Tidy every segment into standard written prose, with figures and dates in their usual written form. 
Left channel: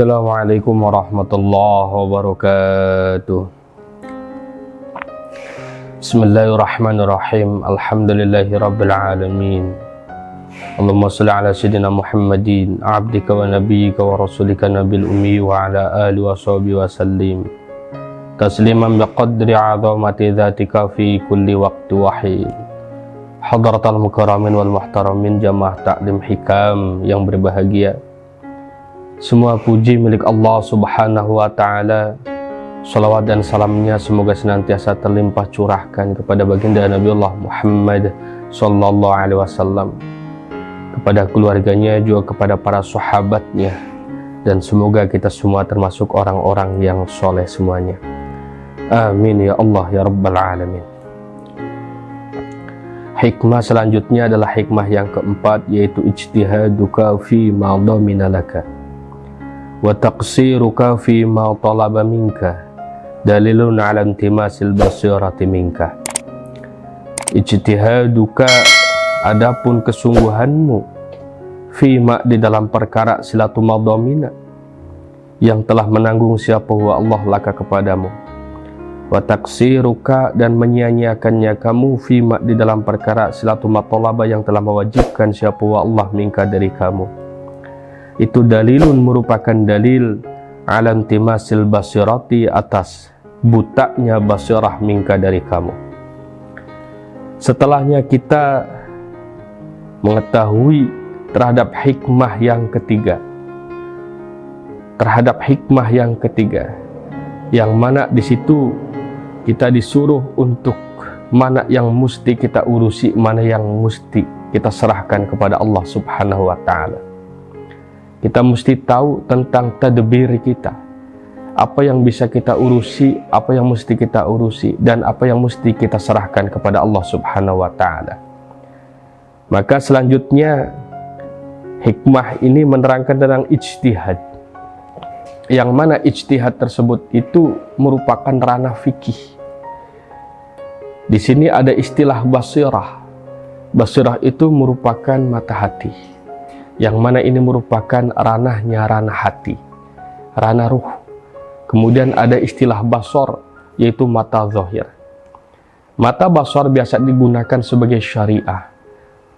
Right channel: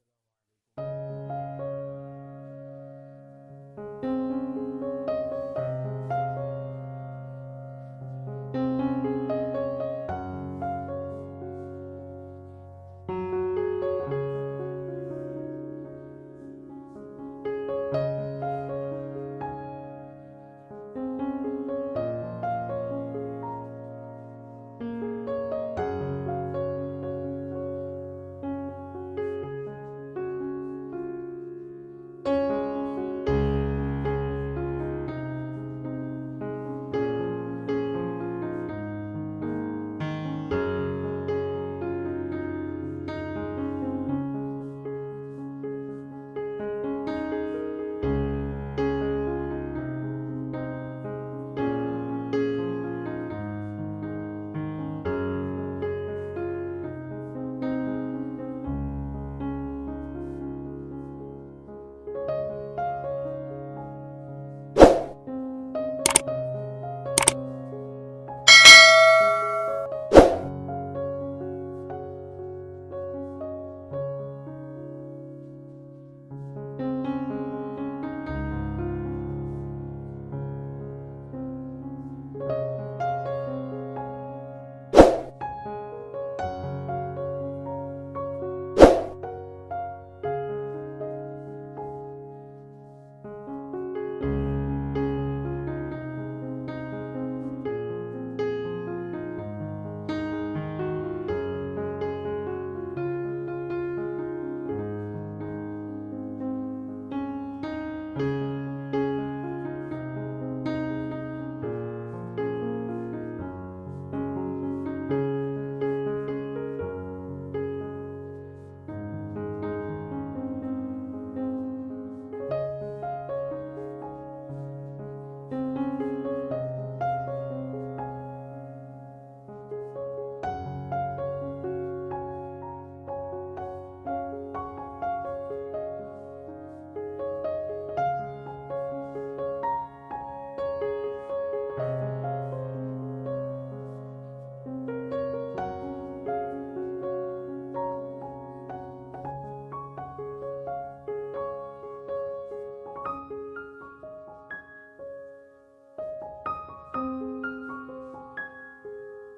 Assalamualaikum warahmatullahi wabarakatuh. Bismillahirrahmanirrahim. Alhamdulillahi rabbil alamin. Allahumma salli ala sayyidina Muhammadin abdika wa nabiyyika wa rasulika nabil ummi wa ala alihi wa sahbihi wa sallim tasliman biqadri 'azamati dzatika fi kulli waqti wahid. Hadratal mukarramin wal muhtaramin, jamaah taklim hikam yang berbahagia. Semua puji milik Allah subhanahu wa ta'ala. Salawat dan salamnya semoga senantiasa terlimpah curahkan kepada baginda Nabiullah Muhammad sallallahu alaihi wasallam, kepada keluarganya, juga kepada para sahabatnya, dan semoga kita semua termasuk orang-orang yang soleh semuanya. Amin ya Allah ya Rabbal alamin. Hikmah selanjutnya adalah hikmah yang keempat, yaitu ijtihaduka fi ma dhamina laka wa taqsiruka fi ma talaba minka dalilun ala intimasil basirati minka. Ijtihaduka, adapun kesungguhanmu, fima, di dalam perkara silatu madhamina, yang telah menanggung siapa wa Allah laka kepadamu, wa taqsiruka, dan menyia-nyiakannya kamu, fima, di dalam perkara silatu matalaba, yang telah mewajibkan siapa wa Allah minka dari kamu. Itu dalilun, merupakan dalil, ala intimasil basirati, atas butaknya basirah minka dari kamu. Setelahnya kita mengetahui terhadap hikmah yang ketiga, yang mana di situ kita disuruh untuk mana yang mesti kita urusi, mana yang mesti kita serahkan kepada Allah subhanahu wa ta'ala. Kita mesti tahu tentang tadbir kita, apa yang bisa kita urusi, apa yang mesti kita urusi, dan apa yang mesti kita serahkan kepada Allah subhanahu wa ta'ala. Maka selanjutnya hikmah ini menerangkan tentang ijtihad, yang mana ijtihad tersebut itu merupakan ranah fikih. Di sini ada istilah basirah. Basirah itu merupakan mata hati, yang mana ini merupakan ranahnya ranah hati, ranah ruh. Kemudian ada istilah basor, yaitu mata zahir. Mata basor biasa digunakan sebagai syariah.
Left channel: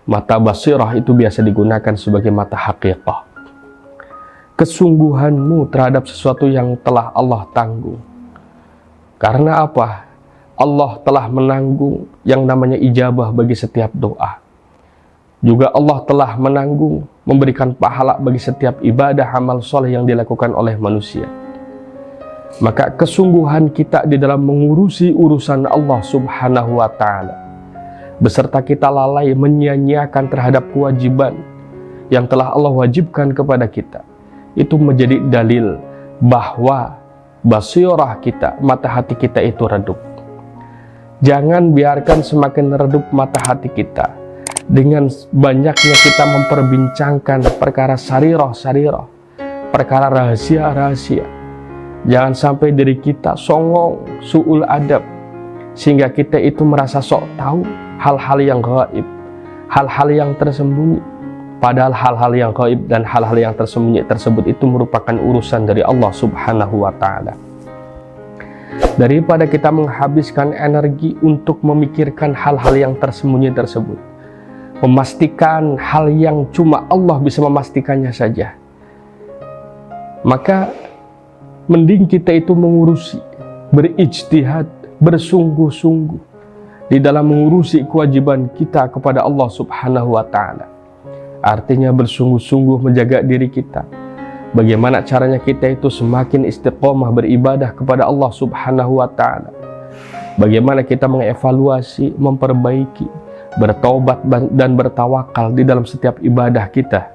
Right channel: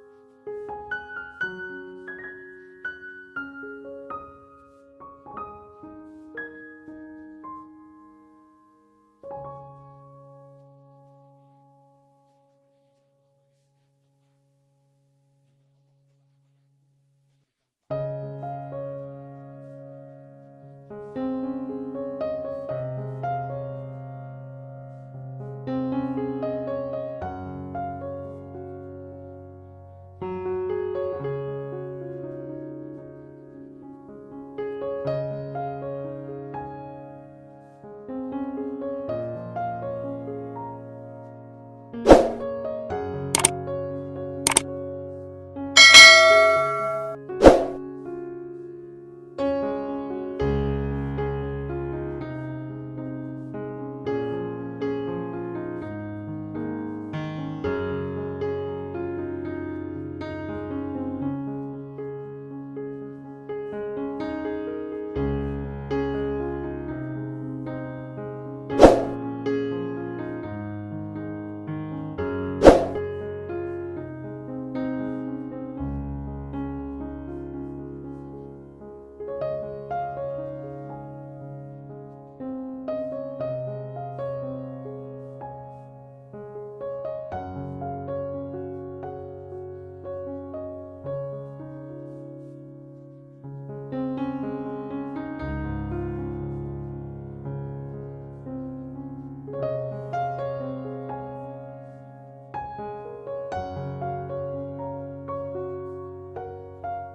Mata basirah itu biasa digunakan sebagai mata haqiqah. Kesungguhanmu terhadap sesuatu yang telah Allah tanggung. Karena apa? Allah telah menanggung yang namanya ijabah bagi setiap doa. Juga Allah telah menanggung memberikan pahala bagi setiap ibadah amal soleh yang dilakukan oleh manusia. Maka kesungguhan kita di dalam mengurusi urusan Allah subhanahu wa ta'ala, beserta kita lalai menyia-nyiakan terhadap kewajiban yang telah Allah wajibkan kepada kita, itu menjadi dalil bahwa basirah kita, mata hati kita itu redup. Jangan biarkan semakin redup mata hati kita dengan banyaknya kita memperbincangkan perkara sarirah, perkara rahasia. Jangan sampai diri kita songong, su'ul adab, sehingga kita itu merasa sok tahu hal-hal yang gaib, hal-hal yang tersembunyi. Padahal hal-hal yang gaib dan hal-hal yang tersembunyi tersebut itu merupakan urusan dari Allah subhanahu wa ta'ala. Daripada kita menghabiskan energi untuk memikirkan hal-hal yang tersembunyi tersebut, memastikan hal yang cuma Allah bisa memastikannya saja, maka mending kita itu mengurusi, berijtihad, bersungguh-sungguh di dalam mengurusi kewajiban kita kepada Allah subhanahu wa ta'ala. Artinya bersungguh-sungguh menjaga diri kita. Bagaimana caranya kita itu semakin istiqomah beribadah kepada Allah subhanahu wa ta'ala. Bagaimana kita mengevaluasi, memperbaiki, bertaubat dan bertawakal di dalam setiap ibadah kita.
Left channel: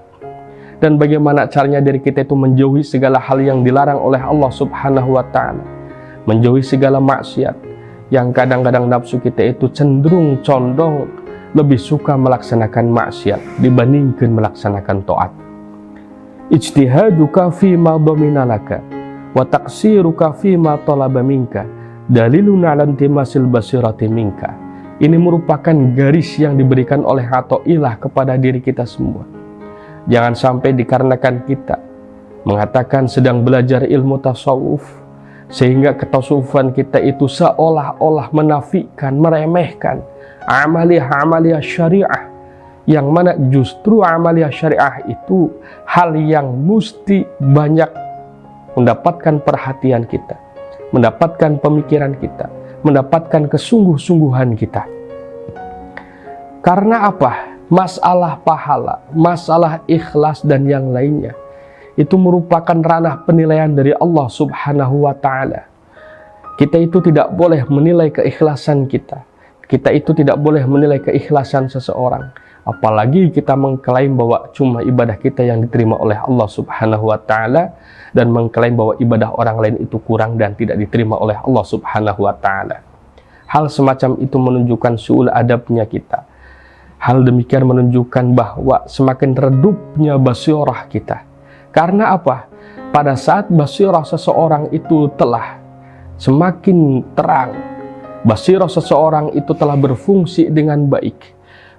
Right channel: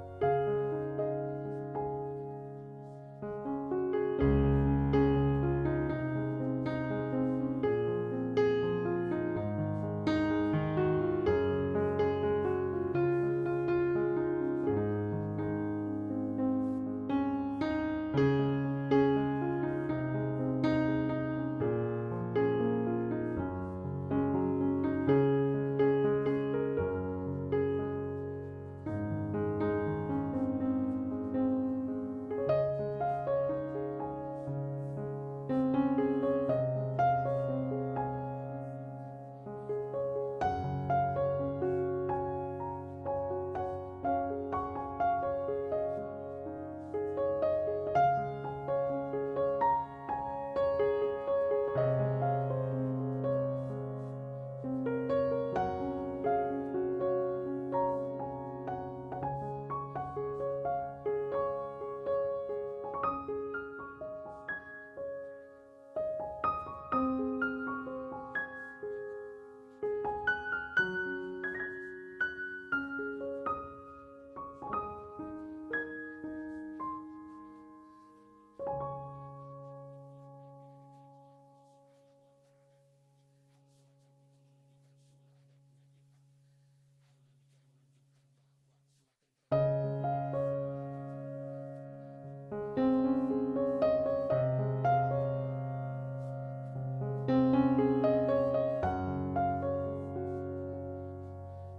Dan bagaimana caranya diri kita itu menjauhi segala hal yang dilarang oleh Allah subhanahu wa ta'ala, menjauhi segala maksiat yang kadang-kadang nafsu kita itu cenderung condong lebih suka melaksanakan maksiat dibandingkan melaksanakan taat. Ijtihaduka fi ma dhamina laka wa taqsiruka fi ma talaba minka dalilun ala intimasil basirati minka. Ini merupakan garis yang diberikan oleh Athaillah kepada diri kita semua. Jangan sampai dikarenakan kita mengatakan sedang belajar ilmu tasawuf, sehingga ketasawufan kita itu seolah-olah menafikan, meremehkan amaliyah-amaliyah syariah, yang mana justru amaliyah syariah itu hal yang mesti banyak mendapatkan perhatian kita, mendapatkan pemikiran kita, mendapatkan kesungguh-sungguhan kita. Karena apa? Masalah pahala, masalah ikhlas dan yang lainnya itu merupakan ranah penilaian dari Allah Subhanahu wa Ta'ala. Kita itu tidak boleh menilai keikhlasan kita. Kita itu tidak boleh menilai keikhlasan seseorang. Apalagi kita mengklaim bahwa cuma ibadah kita yang diterima oleh Allah Subhanahu wa Ta'ala, dan mengklaim bahwa ibadah orang lain itu kurang dan tidak diterima oleh Allah Subhanahu wa Ta'ala. Hal semacam itu menunjukkan su'ul adabnya kita. Hal demikian menunjukkan bahwa semakin redupnya basirah kita. Karena apa? Pada saat basirah seseorang itu telah semakin terang, basirah seseorang itu telah berfungsi dengan baik,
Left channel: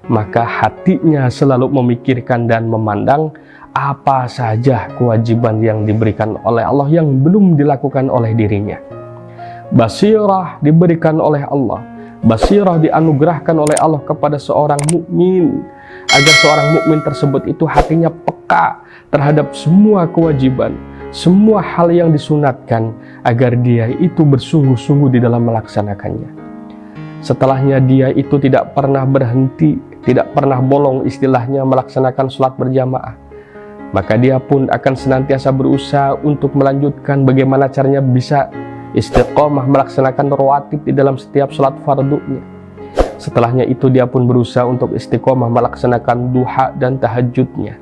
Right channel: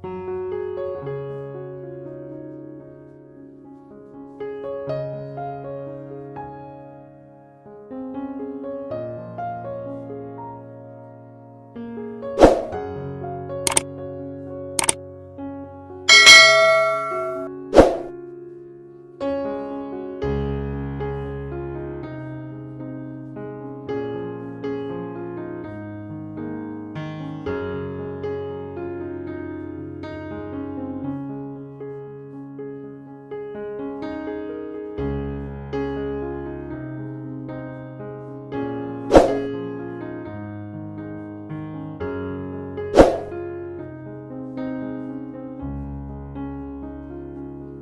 maka hatinya selalu memikirkan dan memandang apa saja kewajiban yang diberikan oleh Allah yang belum dilakukan oleh dirinya. Basirah diberikan oleh Allah, basirah dianugerahkan oleh Allah kepada seorang mukmin, agar seorang mukmin tersebut itu hatinya peka terhadap semua kewajiban, semua hal yang disunatkan, agar dia itu bersungguh-sungguh di dalam melaksanakannya. Setelahnya dia itu tidak pernah berhenti, tidak pernah bolong istilahnya melaksanakan sholat berjamaah. Maka dia pun akan senantiasa berusaha untuk melanjutkan bagaimana caranya bisa istiqomah melaksanakan rawatib di dalam setiap sholat fardunya. Setelahnya itu dia pun berusaha untuk istiqomah melaksanakan duha dan tahajudnya.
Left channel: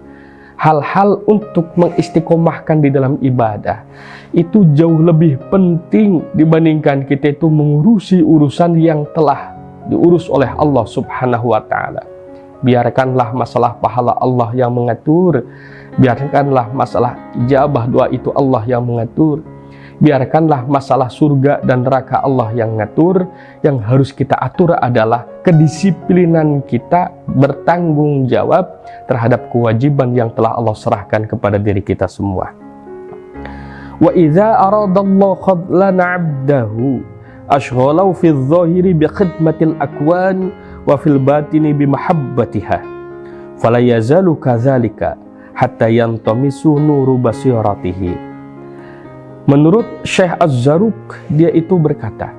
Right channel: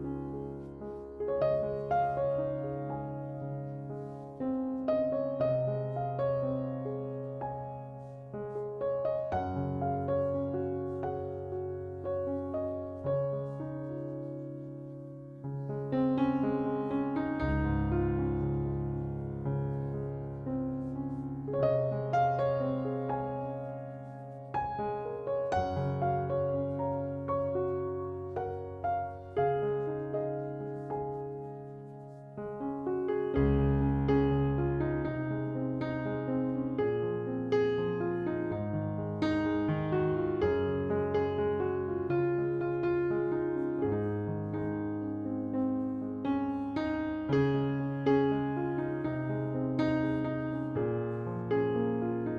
Hal-hal untuk mengistiqomahkan di dalam ibadah itu jauh lebih penting dibandingkan kita itu mengurusi urusan yang telah diurus oleh Allah Subhanahu wa Ta'ala. Biarkanlah masalah pahala Allah yang mengatur, biarkanlah masalah ijabah doa itu Allah yang mengatur, biarkanlah masalah surga dan neraka Allah yang mengatur. Yang harus kita atur adalah kedisiplinan kita bertanggung jawab terhadap kewajiban yang telah Allah serahkan kepada diri kita semua. Wa idza aradallahu khadlan 'abdahu ashghalahu fi adh-dhahiri bi khidmatil akwan wa fil batini bi mahabbatiha fala yazalu kadzalika hatta yantamisu nuru basiratihi. Menurut Syekh Az-Zarruq, dia itu berkata,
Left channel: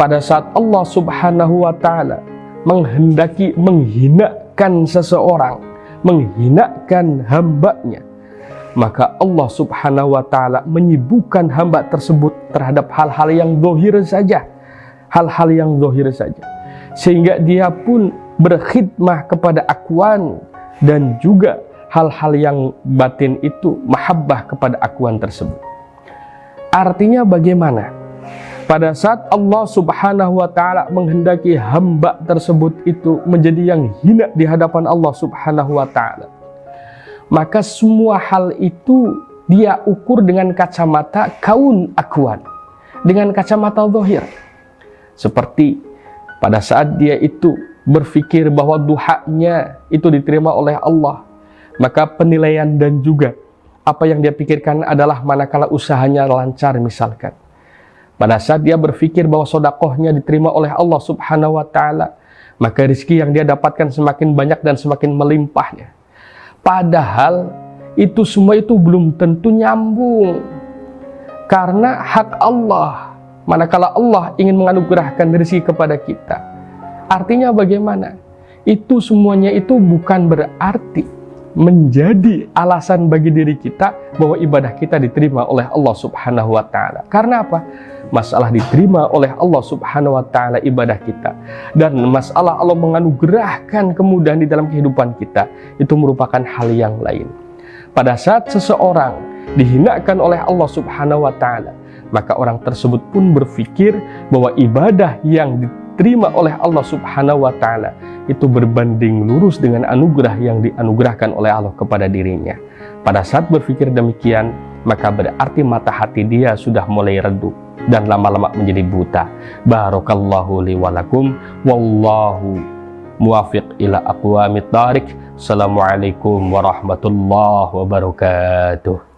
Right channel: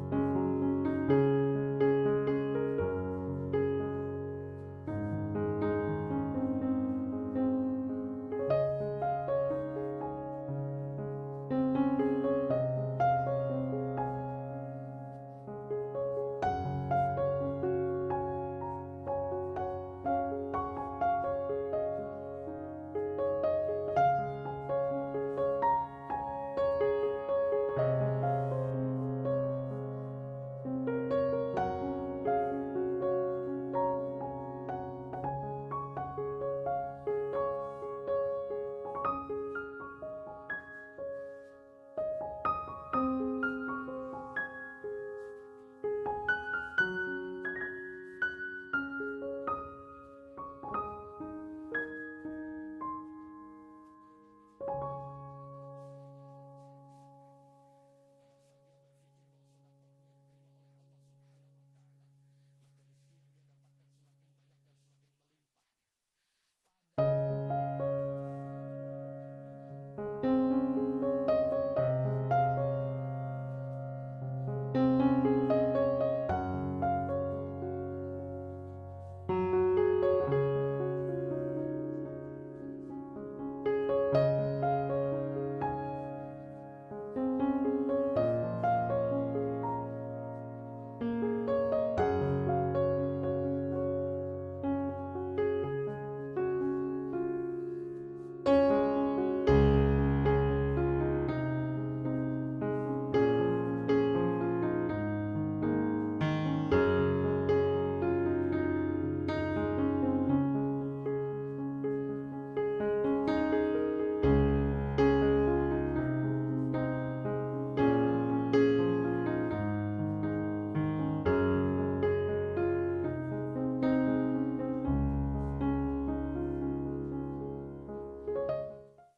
pada saat Allah Subhanahu wa Ta'ala menghendaki menghinakan seseorang, menghinakan hambanya, maka Allah Subhanahu wa Ta'ala menyibukkan hamba tersebut terhadap hal-hal yang zahir saja, hal-hal yang zahir saja, sehingga dia pun berkhidmah kepada akwan dan juga hal-hal yang batin itu mahabbah kepada akwan tersebut. Artinya bagaimana? Pada saat Allah Subhanahu wa Ta'ala menghendaki hamba tersebut itu menjadi yang hina di hadapan Allah Subhanahu wa Ta'ala, maka semua hal itu dia ukur dengan kacamata kaun akwan, dengan kacamata zahir. Seperti pada saat dia itu berpikir bahwa duhanya itu diterima oleh Allah, maka penilaian dan juga apa yang dia pikirkan adalah manakala usahanya lancar misalkan. Pada saat dia berpikir bahwa sodakohnya diterima oleh Allah Subhanahu wa Ta'ala, maka rezeki yang dia dapatkan semakin banyak dan semakin melimpahnya. Padahal itu semua itu belum tentu nyambung, karena hak Allah. Manakala Allah ingin menganugerahkan rezeki kepada kita, artinya bagaimana? Itu semuanya itu bukan berarti menjadi alasan bagi diri kita bahwa ibadah kita diterima oleh Allah Subhanahu wa Ta'ala. Karena apa? Masalah diterima oleh Allah Subhanahu wa Ta'ala ibadah kita, dan masalah Allah menganugerahkan kemudahan di dalam kehidupan kita, itu merupakan hal yang lain. Pada saat seseorang dihinakan oleh Allah Subhanahu wa Ta'ala, maka orang tersebut pun berpikir bahwa ibadah yang diterima oleh Allah Subhanahu wa Ta'ala itu berbanding lurus dengan anugerah yang dianugerahkan oleh Allah kepada dirinya. Pada saat berpikir demikian, maka berarti mata hati dia sudah mulai redup dan lama-lama menjadi buta. Barakallahu li wa lakum, wallahu muwafiq ila aqwamit thariq. Assalamualaikum warahmatullahi wabarakatuh.